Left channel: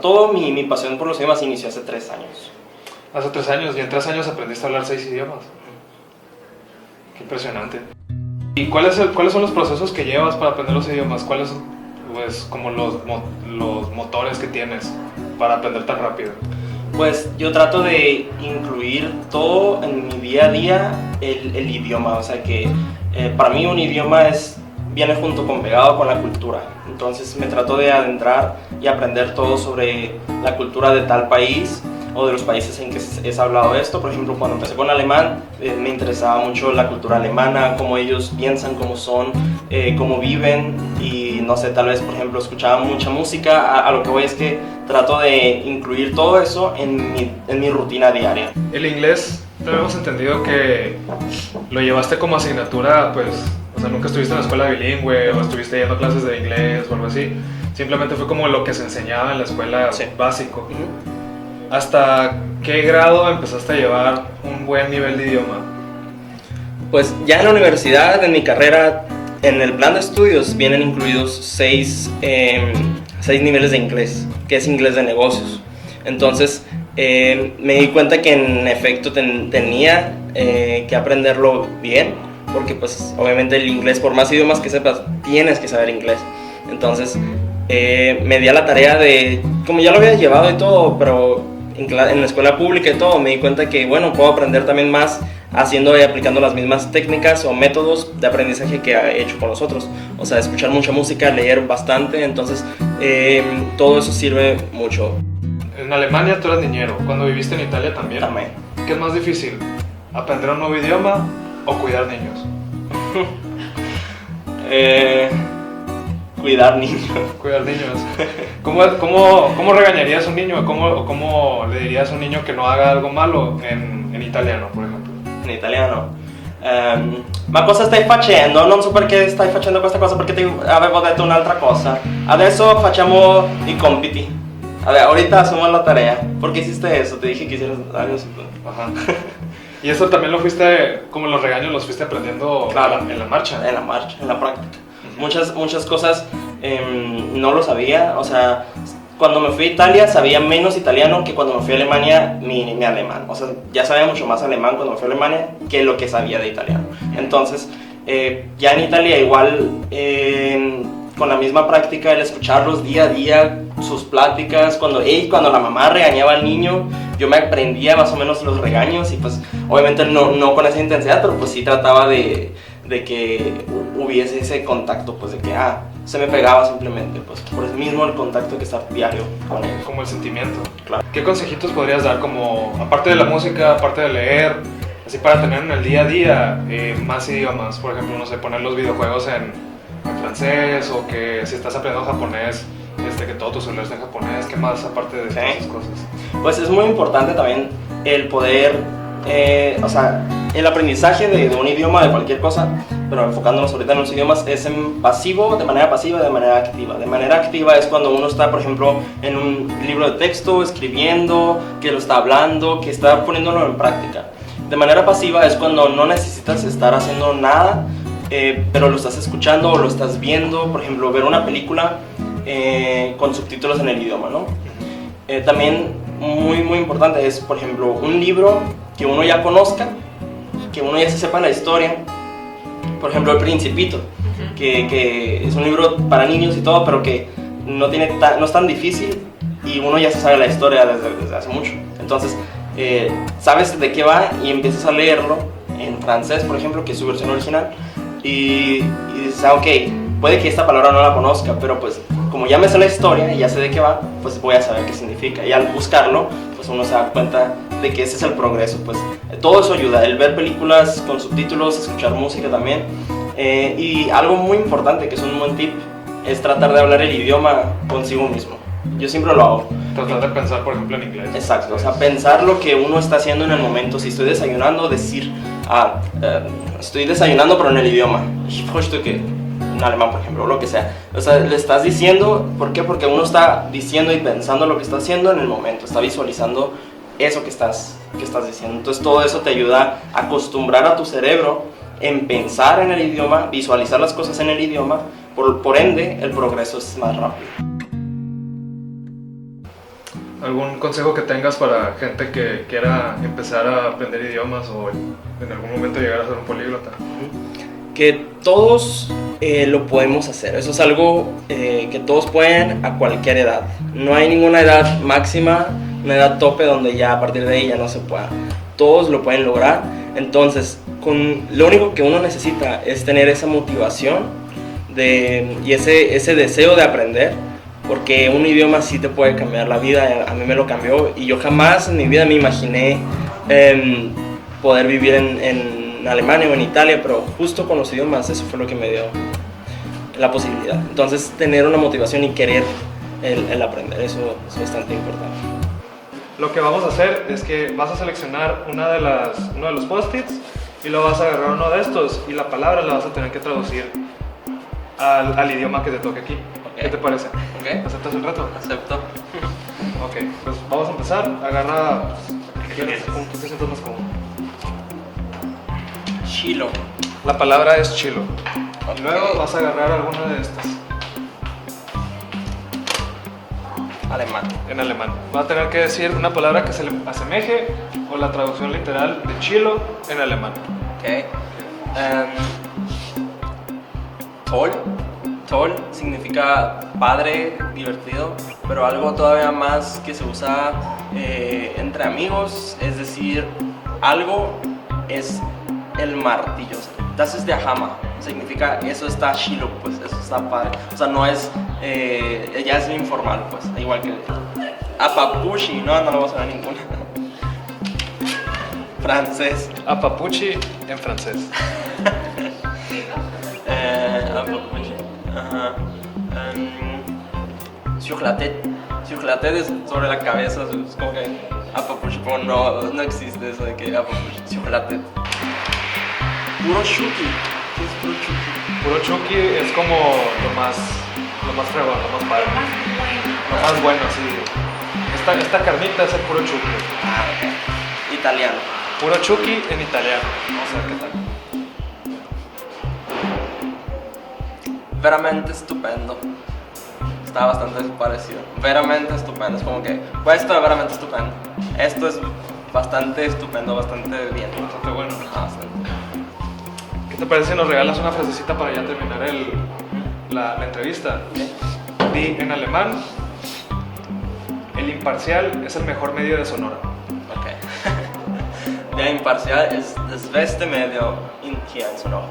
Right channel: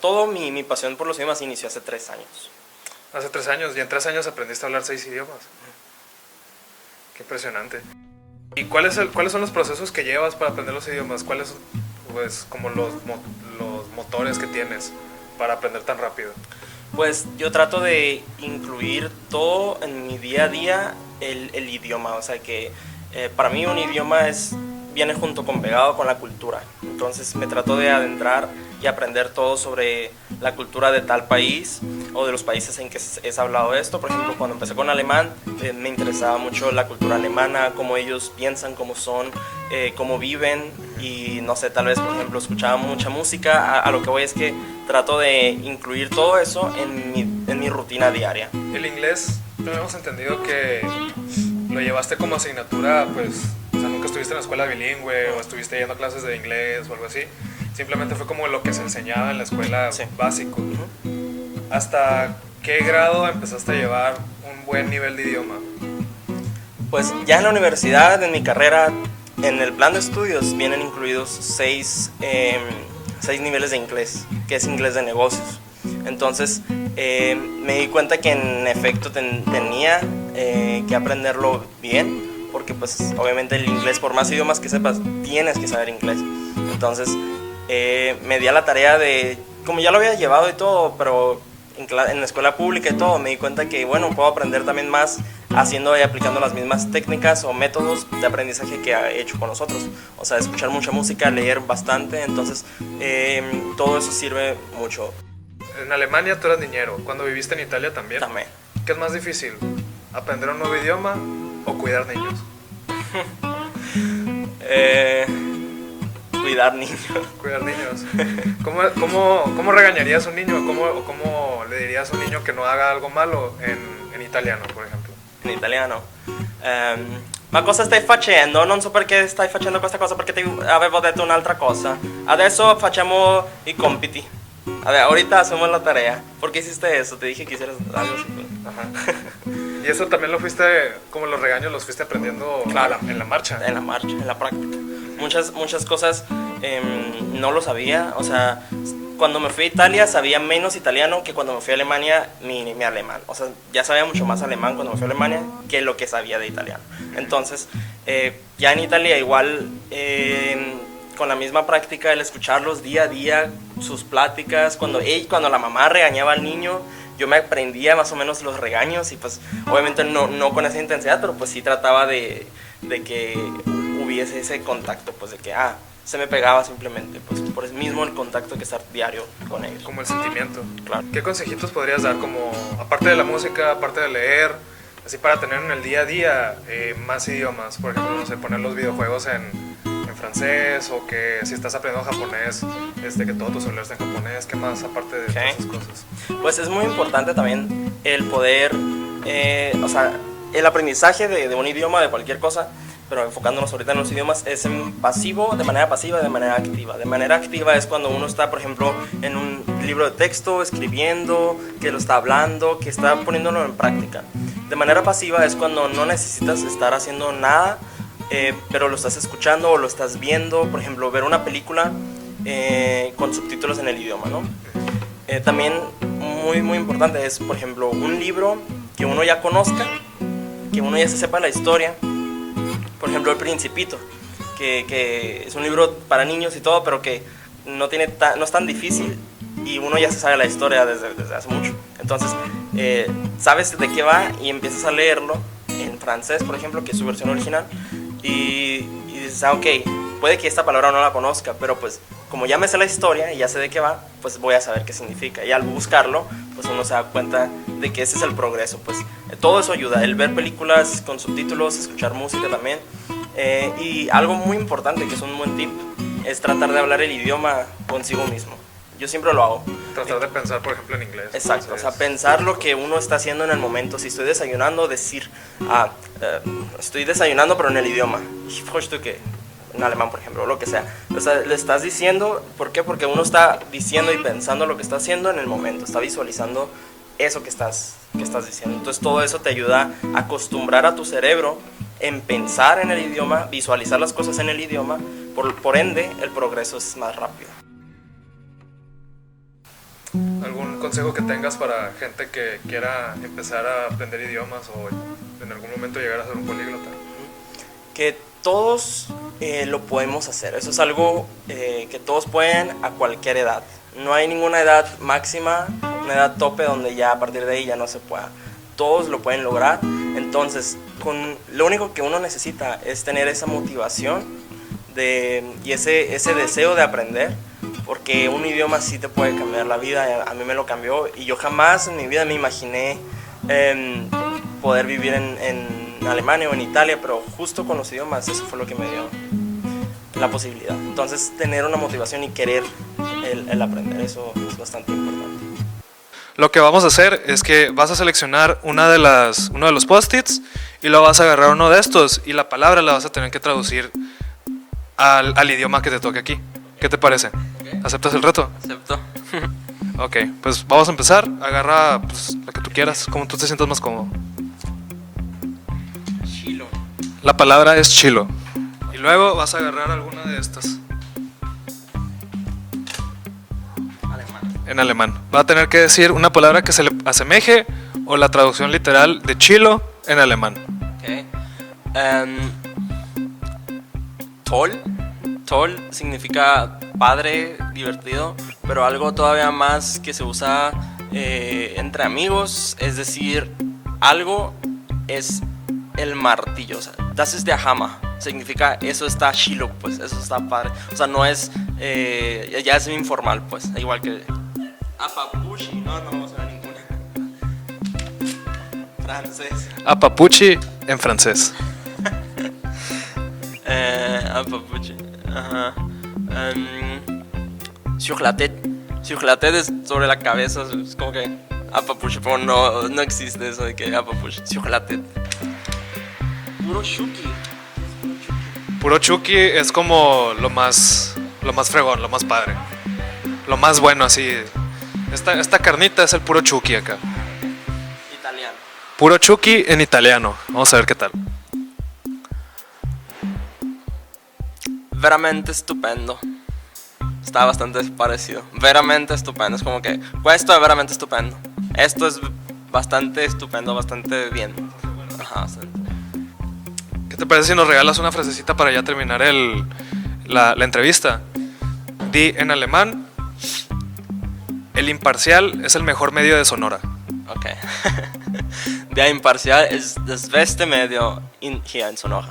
Todo mi pasión por los idiomas inició hace 3 años. Hace 3 años, y en 3 años aprendiste a hablar 6 idiomas. Qué impresionante. ¿Y cuáles son los procesos que llevas para aprender los idiomas? ¿Cuáles son, pues, como los motores que tienes para aprender tan rápido? Pues yo trato de incluir todo en mi día a día el idioma, o sea que para mí un idioma viene junto con pegado con la cultura. Entonces me trato de adentrar y aprender todo sobre la cultura de tal país o de los países en que es hablado esto. Por ejemplo, cuando empecé con alemán, me interesaba mucho la cultura alemana, cómo ellos piensan, cómo son, cómo viven, y no sé, tal vez, por ejemplo, escuchaba mucha música. A lo que voy es que trato de incluir todo eso en mi rutina diaria. El inglés, hemos entendido que lo llevaste como asignatura, pues, o sea, nunca estuviste en la escuela bilingüe o estuviste yendo a clases de inglés o algo así. Simplemente fue como lo que se enseñaba en la escuela, sí, básico. ¿Hasta qué grado empezaste a llevar un buen nivel de idioma? Pues ya en la universidad, en mi carrera, en el plan de estudios vienen incluidos 6 niveles de inglés, que es inglés de negocios. Entonces me di cuenta que en efecto tenía que aprenderlo bien, porque pues obviamente el inglés, por más idiomas que sepas, tienes que saber inglés. Entonces me di a la tarea de, como ya lo había llevado y todo, pero en la escuela pública y todo, me di cuenta que bueno, puedo aprender también más haciendo y aplicando las mismas técnicas o métodos de aprendizaje que he hecho con los otros. O sea, escuchar mucha música, leer bastante, entonces todo eso sirve mucho. En Alemania tú eras niñero, cuando viviste en Italia también. También. ¿Qué es más difícil? ¿Aprender un nuevo idioma o cuidar niños? Cuidar niños. Cuidar niños. ¿Cómo regañarías a un niño? ¿Cómo le dirías a un niño que no haga algo malo en italiano, por ejemplo? In italiano. Ma cosa stai facendo? Non so perché stai facendo questa cosa, perché ti avevo detto un'altra cosa. Adesso facciamo i compiti. A ver, ahorita hacemos la tarea. ¿Por qué hiciste eso? Te dije que hicieras algo así. Ajá. ¿Y eso también lo fuiste, como los regaños, los fuiste aprendiendo, claro, en la marcha? En la marcha, en la práctica. Muchas cosas no lo sabía. O sea, cuando me fui a Italia sabía menos italiano que cuando me fui a Alemania mi alemán. O sea, ya sabía mucho más alemán cuando me fui a Alemania que lo que sabía de italiano. Entonces, ya en Italia igual, con la misma práctica, el escucharlos día a día, sus pláticas, cuando la mamá regañaba al niño, yo me aprendía más o menos los regaños y pues obviamente no con esa intensidad, pero pues sí trataba de que hubiese ese contacto, pues de que se me pegaba simplemente, pues por el mismo el contacto que estar diario con ellos. Como el sentimiento. Claro. ¿Qué consejitos podrías dar, como, aparte de la música, aparte de leer, así para tener en el día a día más idiomas? Por ejemplo, no sé, poner los videojuegos en francés, o que si estás aprendiendo japonés, que todo tu celular esté en japonés. ¿Qué más aparte de todas esas cosas? Pues es muy importante también el poder, o sea, el aprendizaje de un idioma, de cualquier cosa, pero enfocándonos ahorita en los idiomas, es en pasivo, de manera pasiva y de manera activa. De manera activa es cuando uno está, por ejemplo, en un libro de texto, escribiendo, que lo está hablando, que está poniéndolo en práctica. De manera pasiva es cuando no necesitas estar haciendo nada, pero lo estás escuchando o lo estás viendo. Por ejemplo, ver una película con subtítulos en el idioma, ¿no? También muy importante es, por ejemplo, un libro que uno ya conozca, que uno ya se sepa la historia. Por ejemplo, El Principito, que es un libro para niños y todo, pero que no es tan difícil y uno ya se sabe la historia desde hace mucho. Entonces, sabes de qué va y empiezas a leerlo en francés, por ejemplo, que es su versión original, y dices, ok, puede que esta palabra no la conozca, pero pues como ya me sé la historia y ya sé de qué va, pues voy a saber qué significa. Y al buscarlo, pues uno se da cuenta de que ese es el progreso. Pues todo eso ayuda, el ver películas con subtítulos, escuchar música también. Y algo muy importante, que es un buen tip, es tratar de hablar el idioma consigo mismo. Yo siempre lo hago. Tratar de pensar, por ejemplo, en inglés. Exacto, o sea, pensar lo que uno está haciendo en el momento. Si estoy desayunando, decir, estoy desayunando pero en el idioma. En alemán, por ejemplo, lo que sea. O sea, le estás diciendo, ¿por qué? Porque uno está diciendo y pensando lo que está haciendo en el momento, está visualizando eso que estás diciendo. Entonces todo eso te ayuda a acostumbrar a tu cerebro en pensar en el idioma, visualizar las cosas en el idioma, por ende el progreso es más rápido. ¿Algún consejo que tengas para gente que quiera empezar a aprender idiomas o en algún momento llegar a ser un políglota? Que todos lo podemos hacer. Eso es algo que todos pueden a cualquier edad. No hay ninguna edad máxima, una edad tope donde ya a partir de ahí ya no se pueda. Todos lo pueden lograr. Entonces, lo único que uno necesita es tener esa motivación y ese deseo de aprender, porque un idioma sí te puede cambiar la vida. A mí me lo cambió y yo jamás en mi vida me imaginé poder vivir en Alemania o en Italia, pero justo con los idiomas eso fue lo que me dio la posibilidad. Entonces, tener una motivación y querer el aprender, eso es bastante importante. Lo que vamos a hacer es que vas a seleccionar uno de los post-its y lo vas a agarrar uno de estos y la palabra la vas a tener que traducir al idioma que te toque aquí. Okay. ¿Qué te parece? Okay. ¿Aceptas el reto? Acepto. Ok, pues vamos a empezar. Agarra pues, la que tú quieras, como tú te sientas más cómodo. Chilo. La palabra es chilo. Y luego vas a agarrar alguna de estas. Alemán. En alemán. Va a tener que decir una palabra que se le asemeje o la traducción literal de chilo en alemán. Ok. Toll. Toll significa padre, divertido, pero algo todavía más que se usa entre amigos, es decir, algo es el martillo. O sea, das ist der Hammer. Significa eso está chilo, pues eso está padre. O sea, no es, ya es informal, pues. Igual que apapushi, no lo vamos a ver ninguna. Francés. Apapuchi en francés. Apapuchi. Ajá. Sur la tête. Sur la tête es sobre la cabeza, es como que apapuchi, pero no existe eso de que apapuchi. Sur la tête. Puro shuki. Puro chuki es como lo más fregón, lo más padre, lo más bueno así. Esta carnita es el puro chuki acá. Ah, okay. Italiano. Puro chuki en italiano. Vamos a ver qué tal. Veramente estupendo. Está bastante parecido. Veramente estupendo. Es como que esto es veramente estupendo. Esto es bastante estupendo, bastante bien. Bastante bueno. Ajá, sí. ¿Qué te parece si nos regalas una frasecita para ya terminar la entrevista? Di en alemán: el imparcial es el mejor medio de Sonora. Ok. Der Imparcial ist das beste Medio hier in Sonora.